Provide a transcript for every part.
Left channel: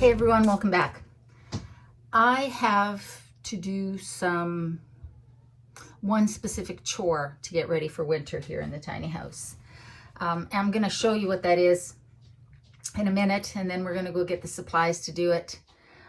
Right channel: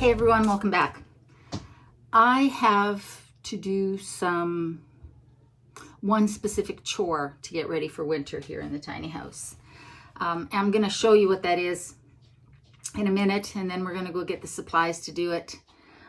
Hey everyone, welcome back. I have to do one specific chore to get ready for winter here in the tiny house. I'm going to show you what that is in a minute, and then we're going to go get the supplies to do it.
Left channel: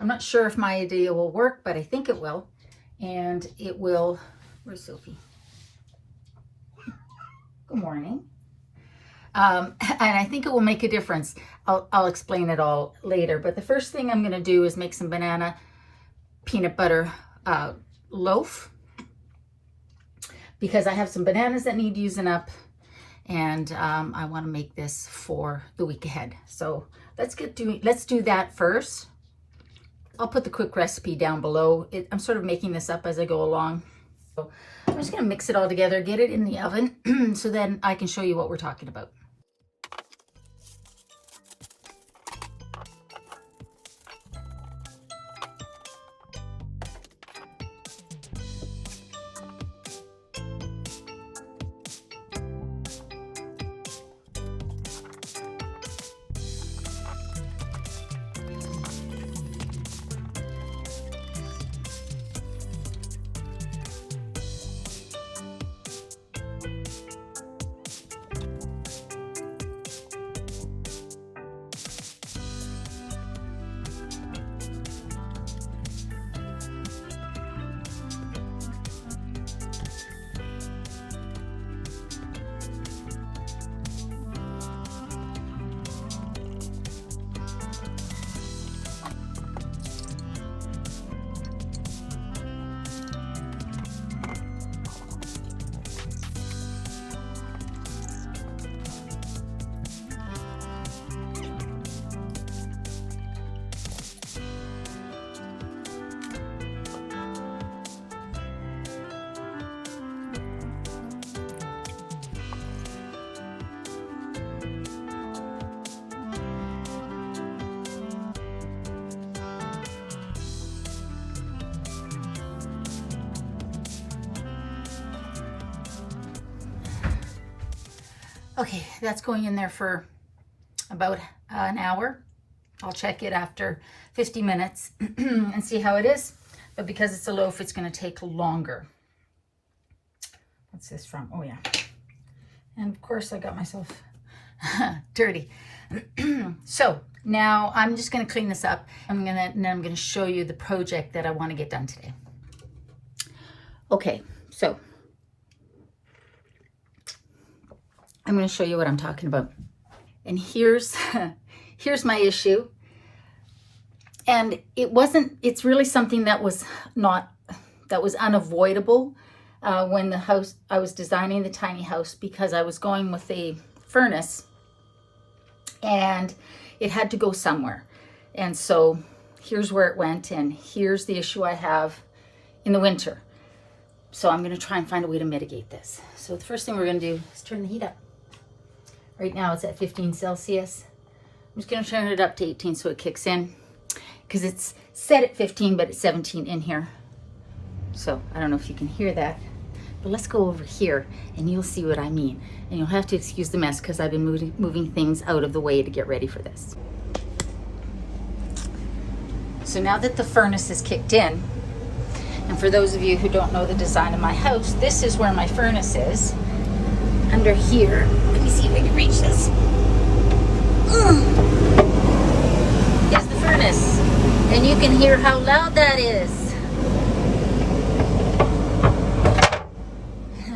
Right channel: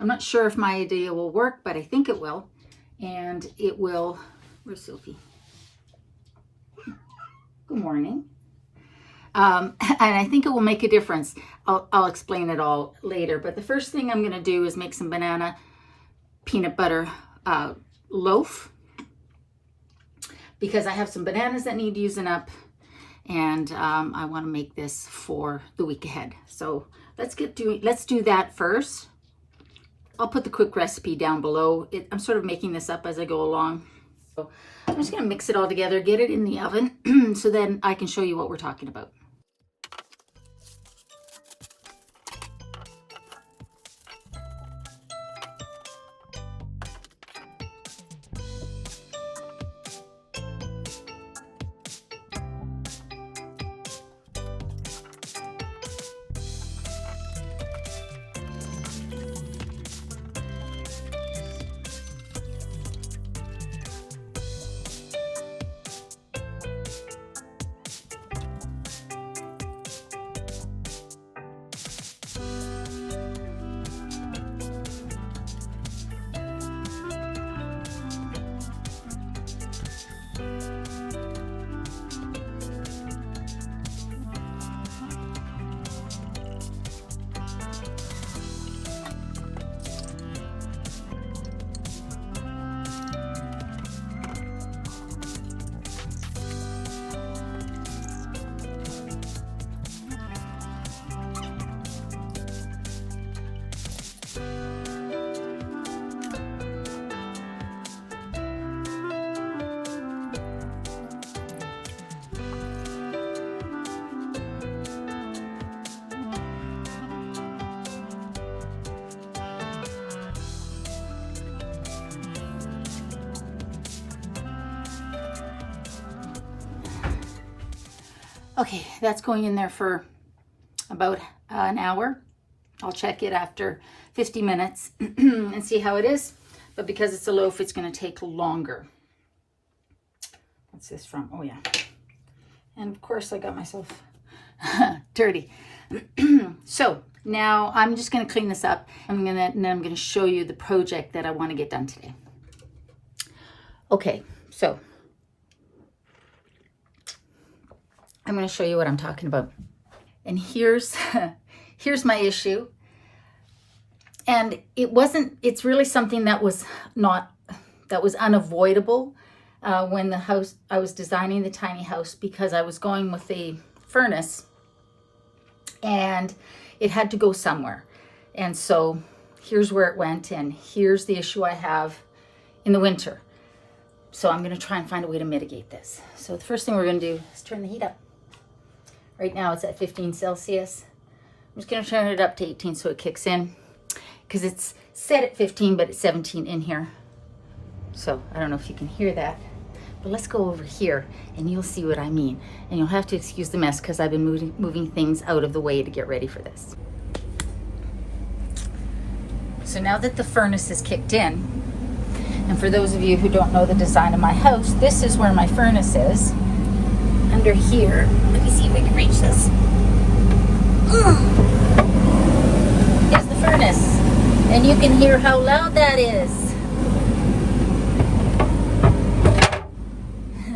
I'm not sure if my idea will work, but I think it will. And it will, where's Sophie? Good morning. And I think it will make a difference. I'll explain it all later. But the first thing I'm going to do is make some banana peanut butter loaf, because I have some bananas that need using up, and I want to make this for the week ahead. So let's do that first. I'll put the quick recipe down below. I'm sort of making this up as I go along. So I'm just going to mix it all together, get it in the oven, so then I can show you what we're talking about. Okay, that's going in there for about an hour. I'll check it after 50 minutes and see how it is. But because it's a loaf, it's going to take longer. What's this from? Oh, yeah. And of course, I got myself dirty. So now I'm just going to clean this up. And then I'm going to show you the project that I want to get done today. Okay, so I'm going to show you what I'm talking about. And here's my issue. And it's really something that was unavoidable when I was designing the tiny house, because I was going with a furnace and it had to go somewhere. And so here's where it went, and here's the issue I have in the winter. So I'm going to try and find a way to mitigate this. So the first thing we're going to do is turn the heat up. Right now it's at 15 Celsius. I'm just going to turn it up to 18 so it kicks in, because it's set at 15, but it's 17 in here. So I don't know if you can hear that, but let's go over here and you'll see what I mean. And you'll have to excuse the mess because I've been moving things out of the way to get ready for this. So now that the furnace is kicked in, and for those of you who don't know the design of my house, this is where my furnace is. Under here, let me see if I can reach this. Is the furnace, and you can hear how loud that is.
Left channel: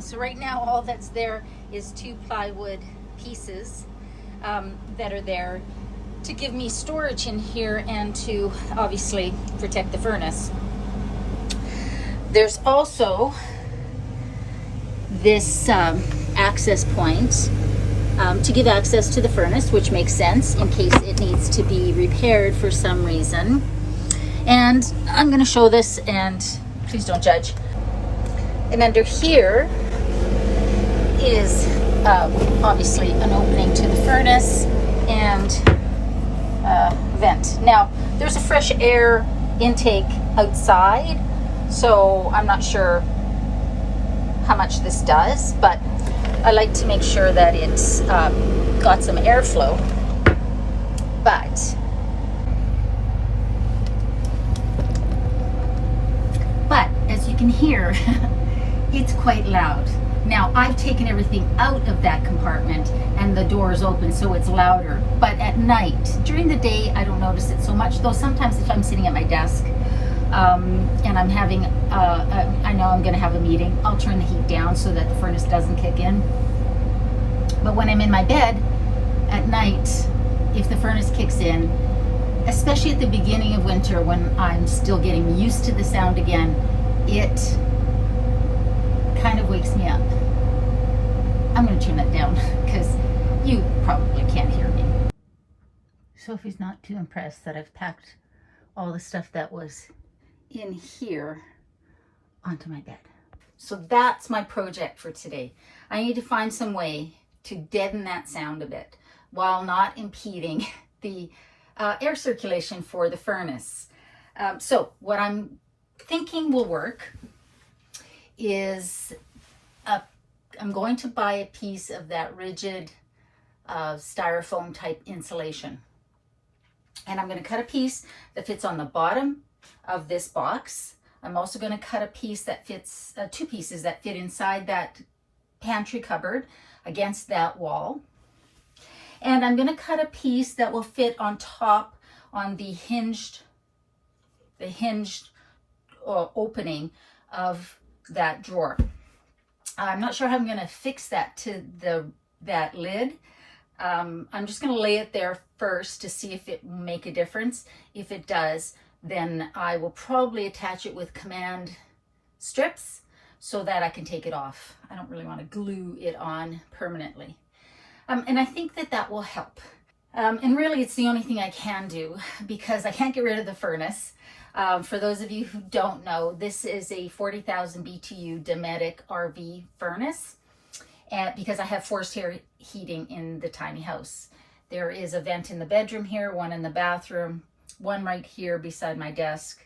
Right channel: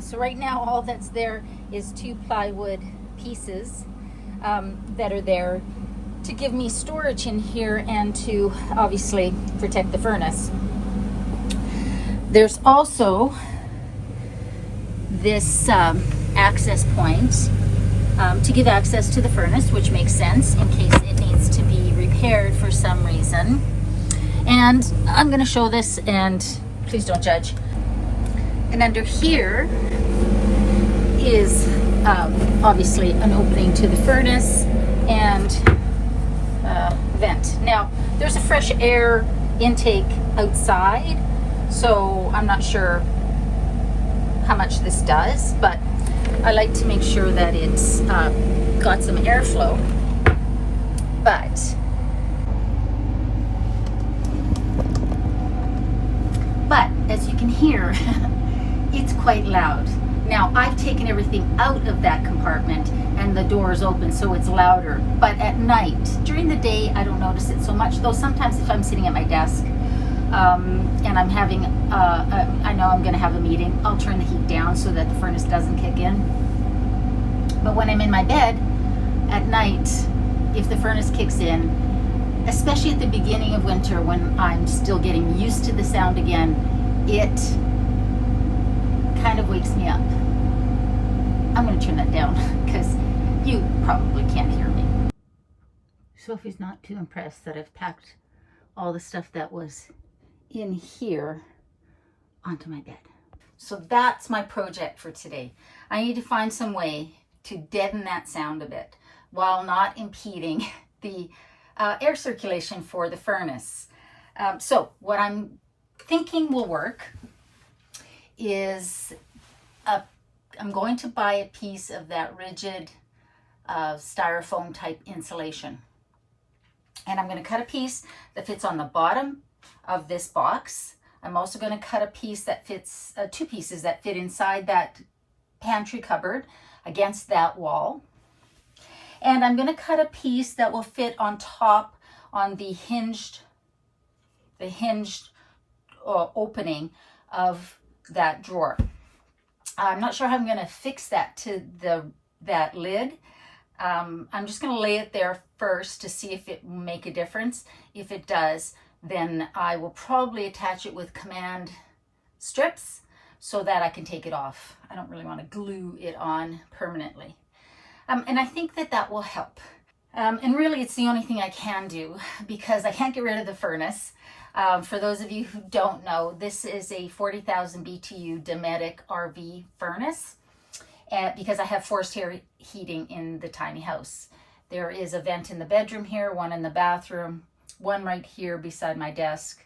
So right now all that's there is 2 plywood pieces that are there to give me storage in here and to obviously protect the furnace. There's also this access point to give access to the furnace, which makes sense in case it needs to be repaired for some reason. And I'm going to show this, and please don't judge. And under here is obviously an opening to the furnace and vent. Now there's a fresh air intake outside, so I'm not sure how much this does, but I like to make sure that it's got some airflow. But can hear, it's quite loud. Now, I've taken everything out of that compartment and the door is open, so it's louder. But at night, during the day, I don't notice it so much, though sometimes if I'm sitting at my desk and I'm having, I know I'm gonna have a meeting, I'll turn the heat down so that the furnace doesn't kick in. But when I'm in my bed at night, if the furnace kicks in, especially at the beginning of winter when I'm still getting used to the sound again, it kind of wakes me up. I'm going to turn that down because you probably can't hear me. Sophie's not too impressed that I've packed all the stuff that was in here onto my bed. So that's my project for today. I need to find some way to deaden that sound a bit while not impeding the air circulation for the furnace. So what I'm thinking will work is I'm going to buy a piece of that rigid styrofoam type insulation. And I'm going to cut a piece that fits on the bottom of this box. I'm also going to cut a piece that fits, two pieces that fit inside that pantry cupboard against that wall. And I'm going to cut a piece that will fit on top on the hinged opening of that drawer. I'm not sure how I'm going to fix that to that lid. I'm just going to lay it there first to see if it will make a difference. If it does, then I will probably attach it with command strips so that I can take it off. I don't really want to glue it on permanently. And I think that will help. And really it's the only thing I can do because I can't get rid of the furnace. For those of you who don't know, this is a 40,000 BTU Dometic RV furnace because I have forced air heating in the tiny house. There is a vent in the bedroom here, one in the bathroom, one right here beside my desk,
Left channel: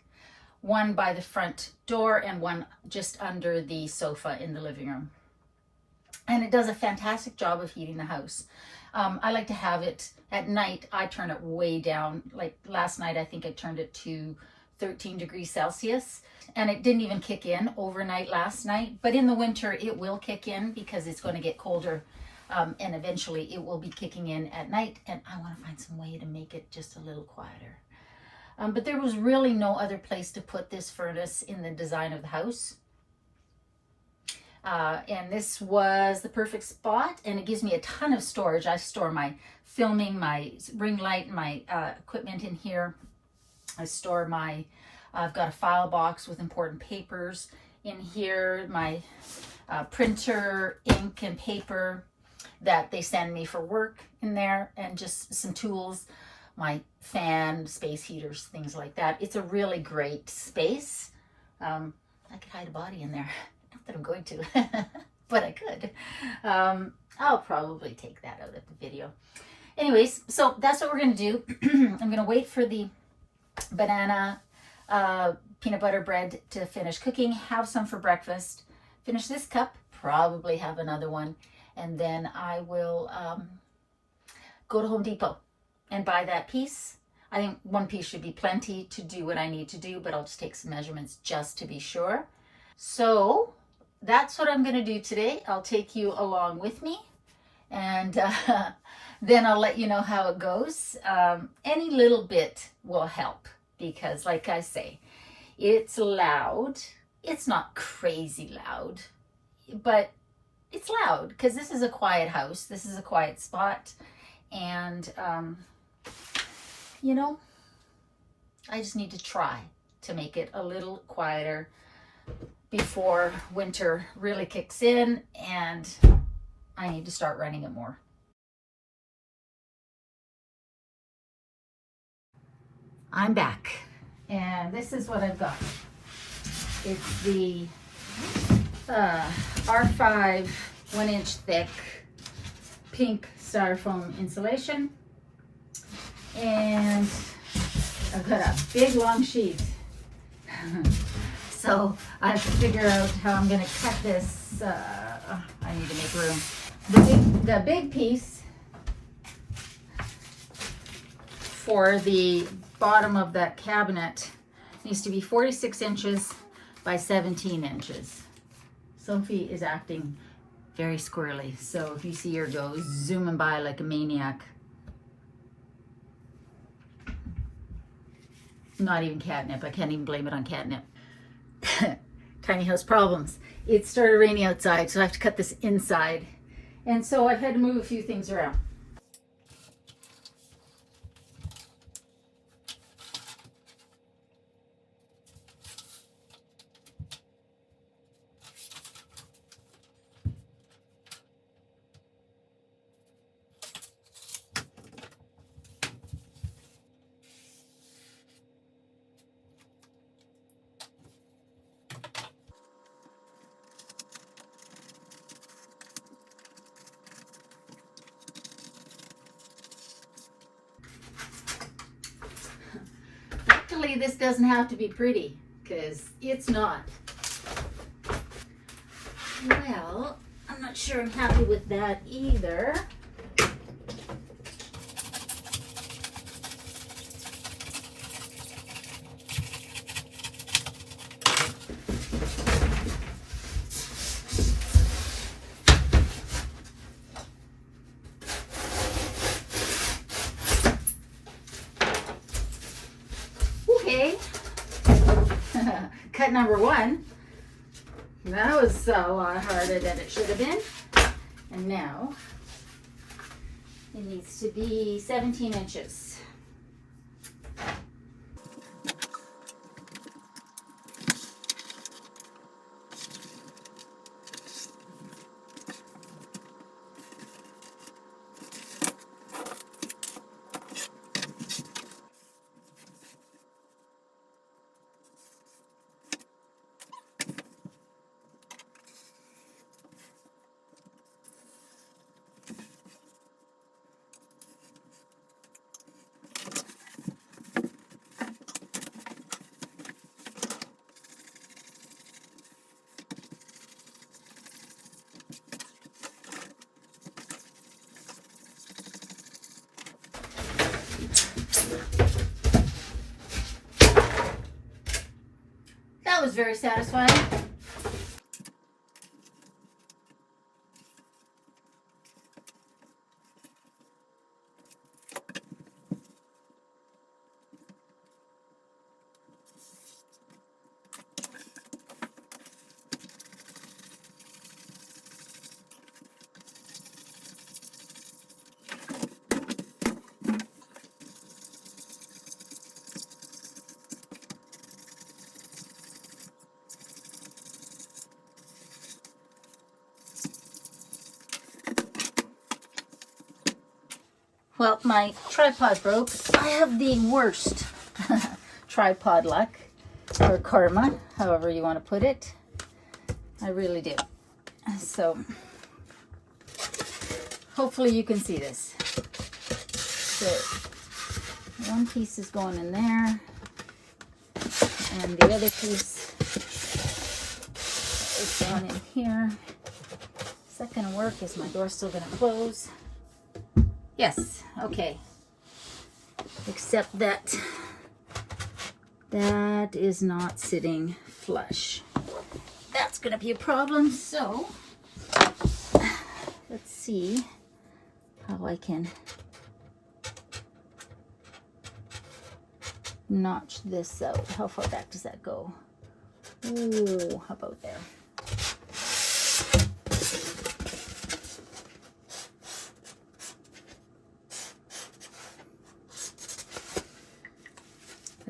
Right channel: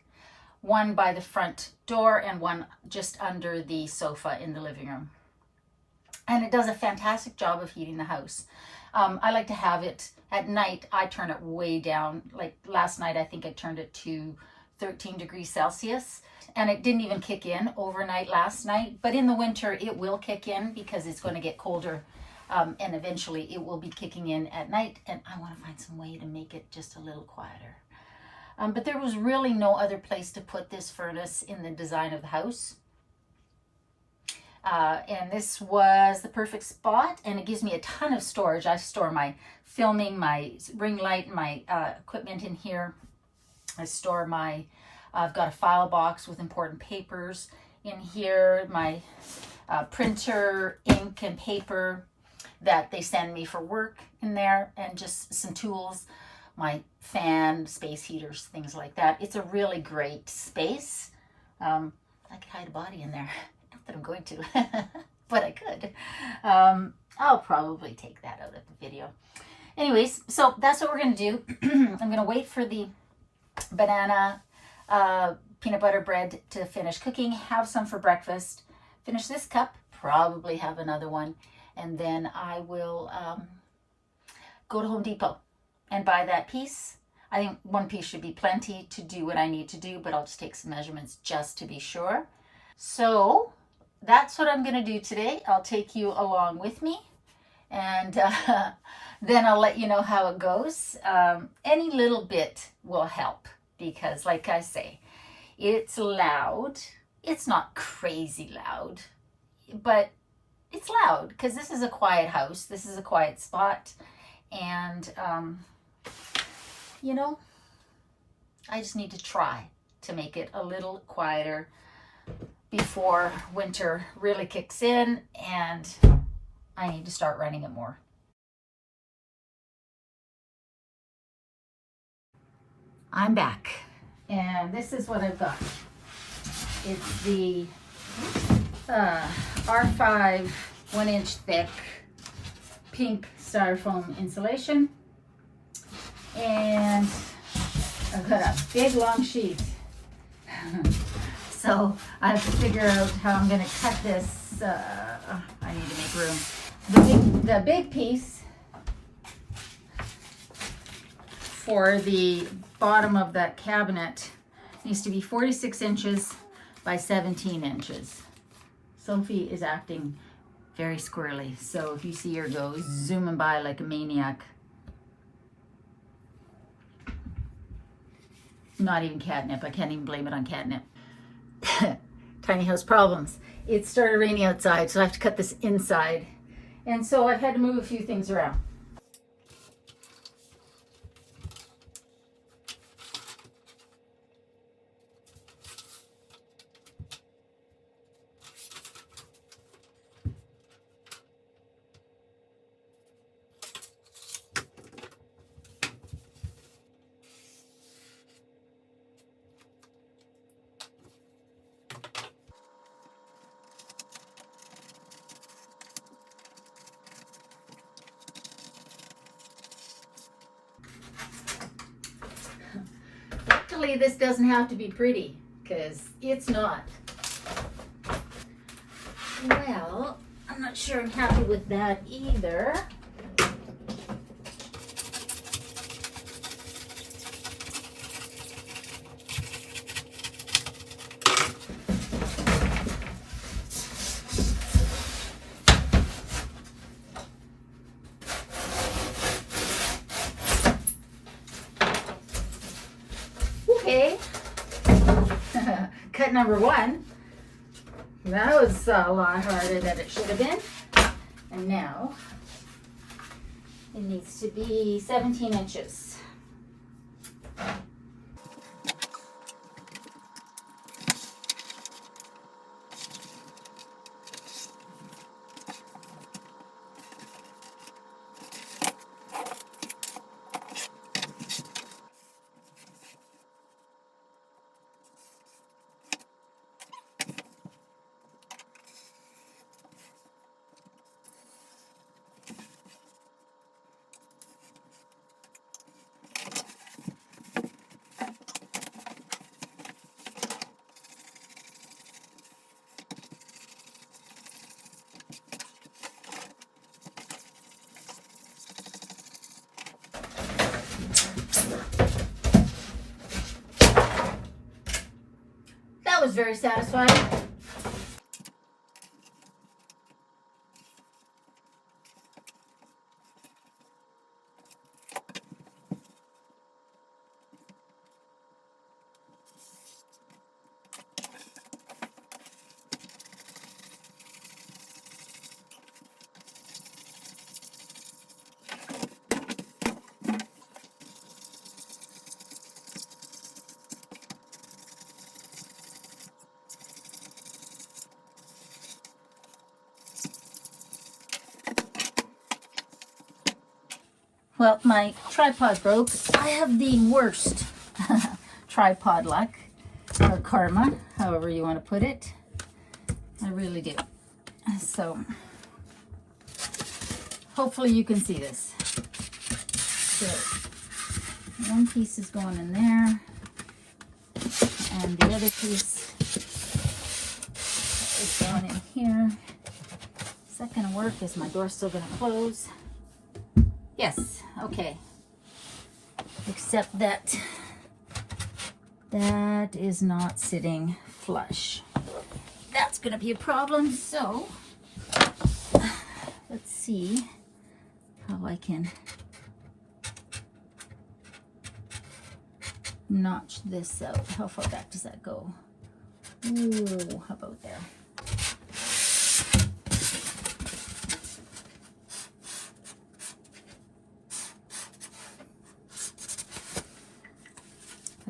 one by the front door, and one just under the sofa in the living room. And it does a fantastic job of heating the house. I like to have it at night. I turn it way down. Like last night, I think I turned it to 13 degrees Celsius, and it didn't even kick in overnight last night. But in the winter, it will kick in because it's going to get colder, and eventually it will be kicking in at night. And I want to find some way to make it just a little quieter. But there was really no other place to put this furnace in the design of the house. And this was the perfect spot, and it gives me a ton of storage. I store my filming, my ring light, my equipment in here. I store I've got a file box with important papers in here, my printer, ink and paper that they send me for work in there, and just some tools, my fan, space heaters, things like that. It's a really great space. I could hide a body in there. Not that I'm going to, but I could. I'll probably take that out of the video. Anyways, so that's what we're going to do. I'm going to wait for the banana peanut butter bread to finish cooking, have some for breakfast, finish this cup, probably have another one, and then I will go to Home Depot and buy that piece. I think one piece should be plenty to do what I need to do, but I'll just take some measurements just to be sure. So that's what I'm going to do today. I'll take you along with me, and then I'll let you know how it goes. Any little bit will help because, like I say, it's loud. It's not crazy loud, but it's loud because this is a quiet house. This is a quiet spot. And, you know, I just need to try to make it a little quieter before winter really kicks in, and I need to start running it more. I'm back, and this is what I've got. It's the R5 1-inch thick pink styrofoam insulation, and I've got a big long sheet. So I have to figure out how I'm going to cut this. I need to make room. The big piece for the bottom of that cabinet needs to be 46 inches by 17 inches. Sophie is acting very squirrely, so if you see her go zooming by like a maniac, not even catnip. I can't even blame it on catnip. Tiny house problems. It started raining outside, so I have to cut this inside. And so I've had to move a few things around. Luckily, this doesn't have to be pretty, because it's not. Well, I'm not sure I'm happy with that either. Okay, cut number one. That was a lot harder than it should have been. And now it needs to be 17 inches. That was very satisfying. Well, my tripod broke. I have the worst tripod luck, or karma, however you want to put it. I really do. So, hopefully you can see this. So, one piece is going in there, and the other piece is going in here. Is that going to work? Is my door still going to close? Yes, okay. Except that that is not sitting flush. That's gonna be a problem, so let's see how I can notch this out. How far back does that go? Ooh, how about there?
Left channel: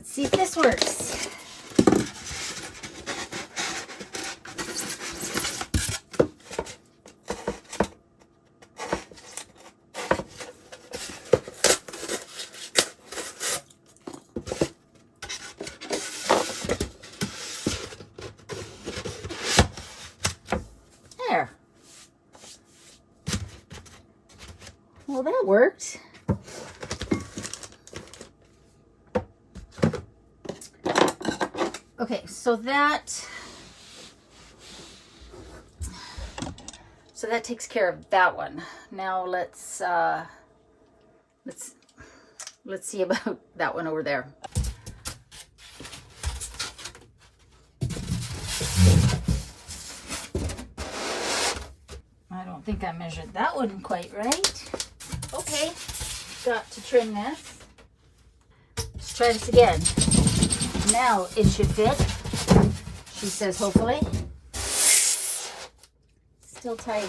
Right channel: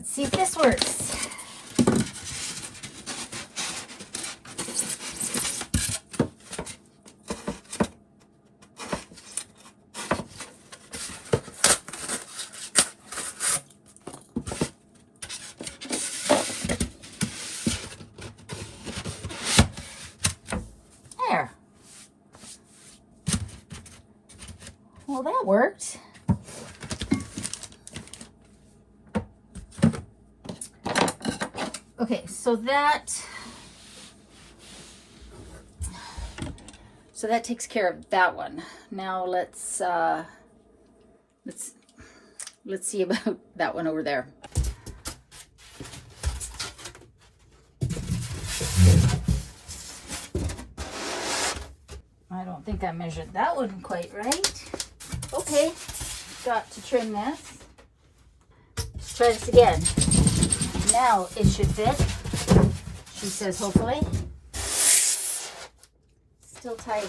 See if this works. There. Well, that worked. Okay, so that takes care of that one. Now let's see about that one over there. think I measured that one quite right. Okay, got to trim this. Let's try this again. Now it should fit. She says, hopefully. Still tight.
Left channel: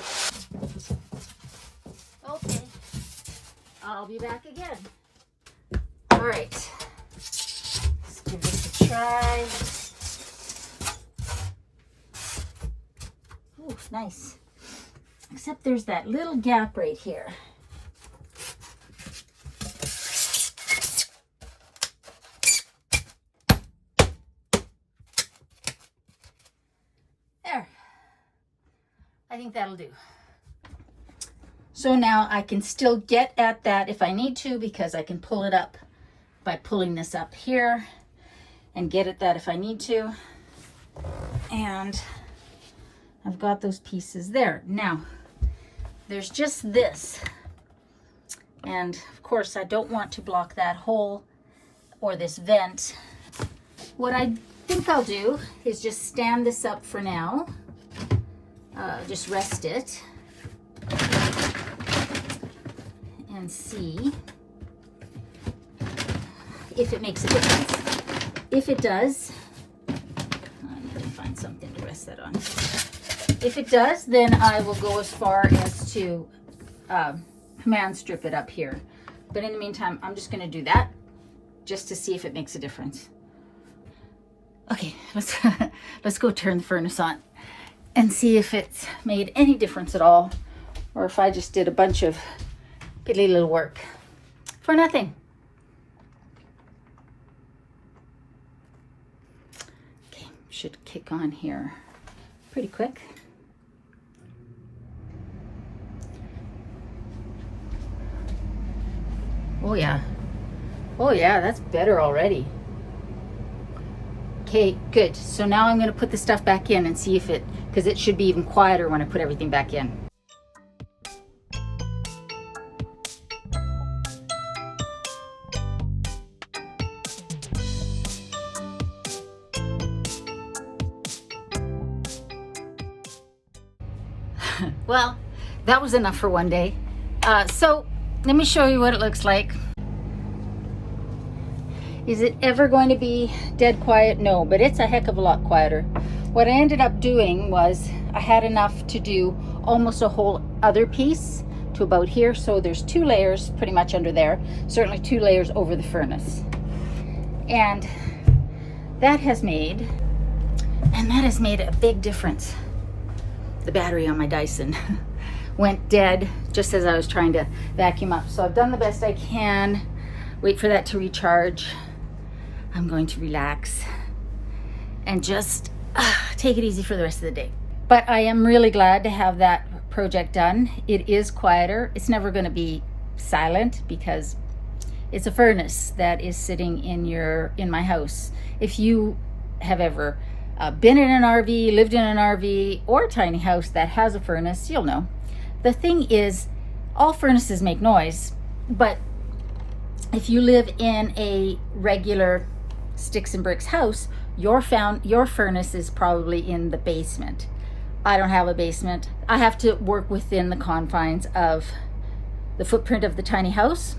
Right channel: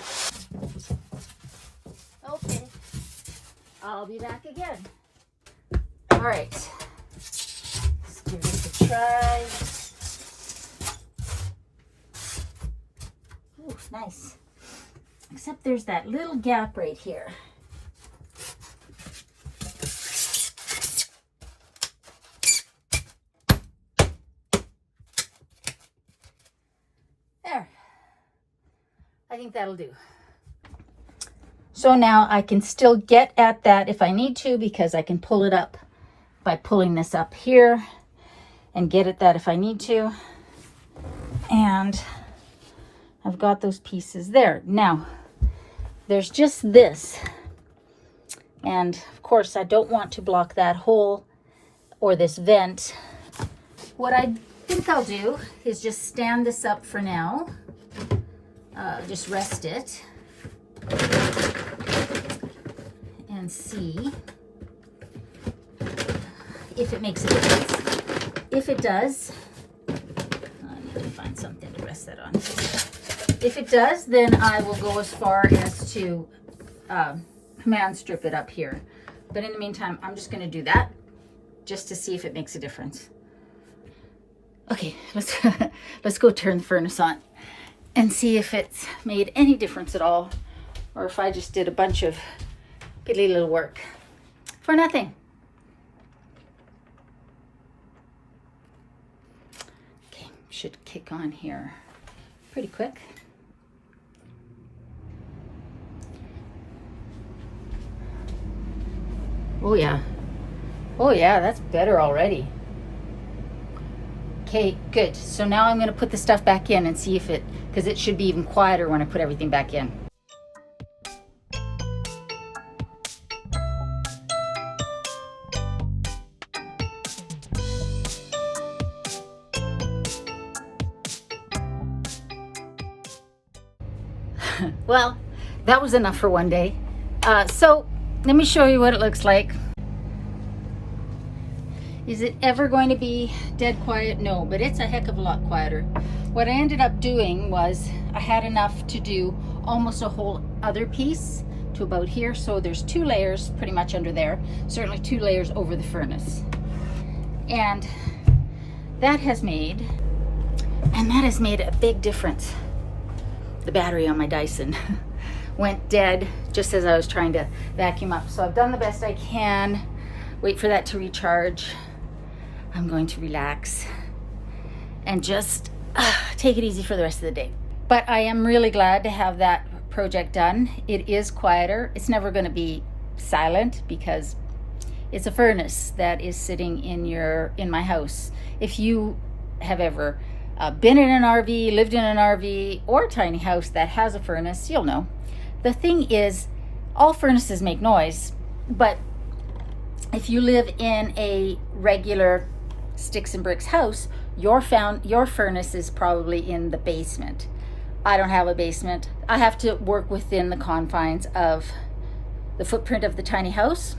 Okay, I'll be back again. All right, let's give this a try. Ooh, nice. Except there's that little gap right here. There. I think that'll do. So now I can still get at that if I need to, because I can pull it up by pulling this up here and get at that if I need to. And I've got those pieces there. Now, there's just this. And of course, I don't want to block that hole or this vent. What I think I'll do is just stand this up for now. Just rest it. And see if it makes a difference. If it does, I need to find something to rest that on. If it does, then I will go as far as to command strip it up here. But in the meantime, I'm just going to do that just to see if it makes a difference. Okay, let's go turn the furnace on and see if it's made any difference at all, or if I just did a bunch of piddly little work for nothing. Okay, should kick on here pretty quick. Oh yeah, that's better already. Okay, good. So now I'm going to put the stuff back in and see if it, because it should be even quieter when I put everything back in. Well, that was enough for one day. So let me show you what it looks like. Is it ever going to be dead quiet? No, but it's a heck of a lot quieter. What I ended up doing was I had enough to do almost a whole other piece to about here. So there's 2 layers pretty much under there, certainly 2 layers over the furnace. And that has made a big difference. The battery on my Dyson went dead just as I was trying to vacuum up. So I've done the best I can. Wait for that to recharge. I'm going to relax and just take it easy for the rest of the day. But I am really glad to have that project done. It is quieter. It's never going to be silent because it's a furnace that is sitting in my house. If you have ever been in an RV, lived in an RV or a tiny house that has a furnace, you'll know. The thing is, all furnaces make noise, but if you live in a regular sticks and bricks house, your furnace is probably in the basement. I don't have a basement. I have to work within the confines of the footprint of the tiny house.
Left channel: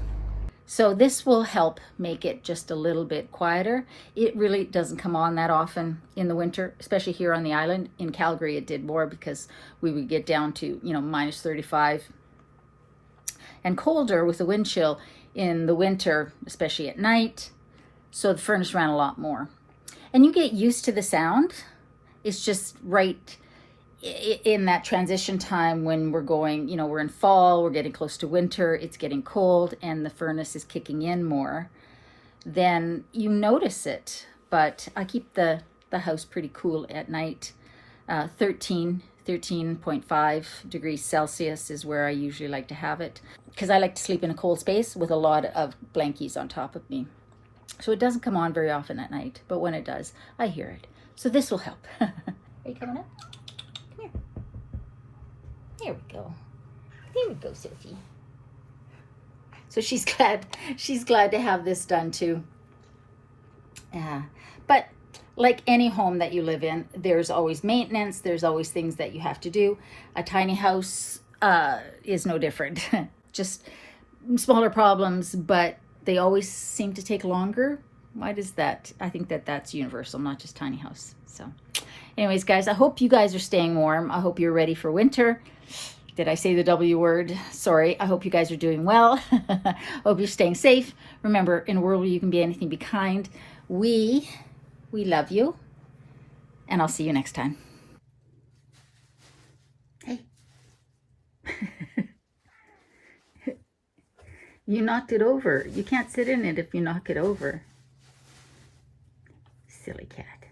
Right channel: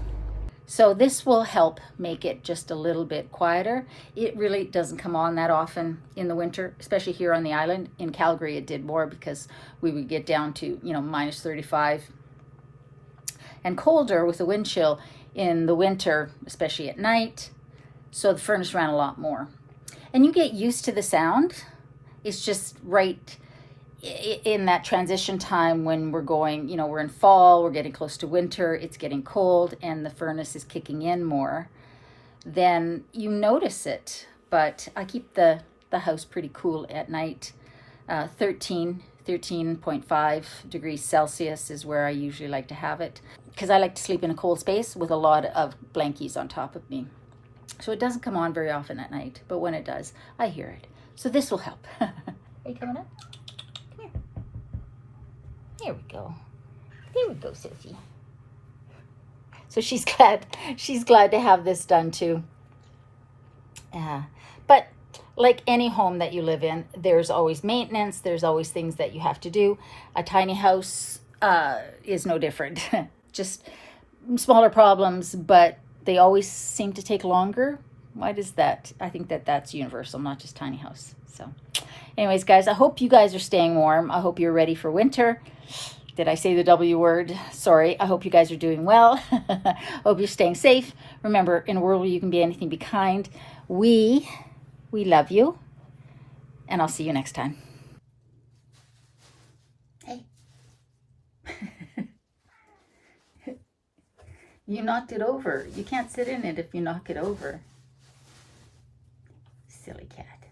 So this will help make it just a little bit quieter. It really doesn't come on that often in the winter, especially here on the island. In Calgary, it did more because we would get down to, minus 35 and colder with the wind chill in the winter, especially at night. So the furnace ran a lot more. And you get used to the sound. It's just right in that transition time when we're going, we're in fall, we're getting close to winter, it's getting cold, and the furnace is kicking in more, then you notice it. But I keep the house pretty cool at night. 13.5 degrees Celsius is where I usually like to have it, because I like to sleep in a cold space with a lot of blankies on top of me. So it doesn't come on very often at night, but when it does, I hear it. So this will help. Are you coming up? Come here. There we go. There we go, Sissy. So she's glad to have this done too. But like any home that you live in, there's always maintenance. There's always things that you have to do. A tiny house, is no different. Just smaller problems, but they always seem to take longer. Why does that? I think that that's universal, not just tiny house. So anyways, guys, I hope you guys are staying warm. I hope you're ready for winter. Did I say the W word? Sorry. I hope you guys are doing well. Hope you're staying safe. Remember, in a world where you can be anything, be kind. We love you. And I'll see you next time. Hey. You knocked it over. You can't sit in it if you knock it over. Silly cat.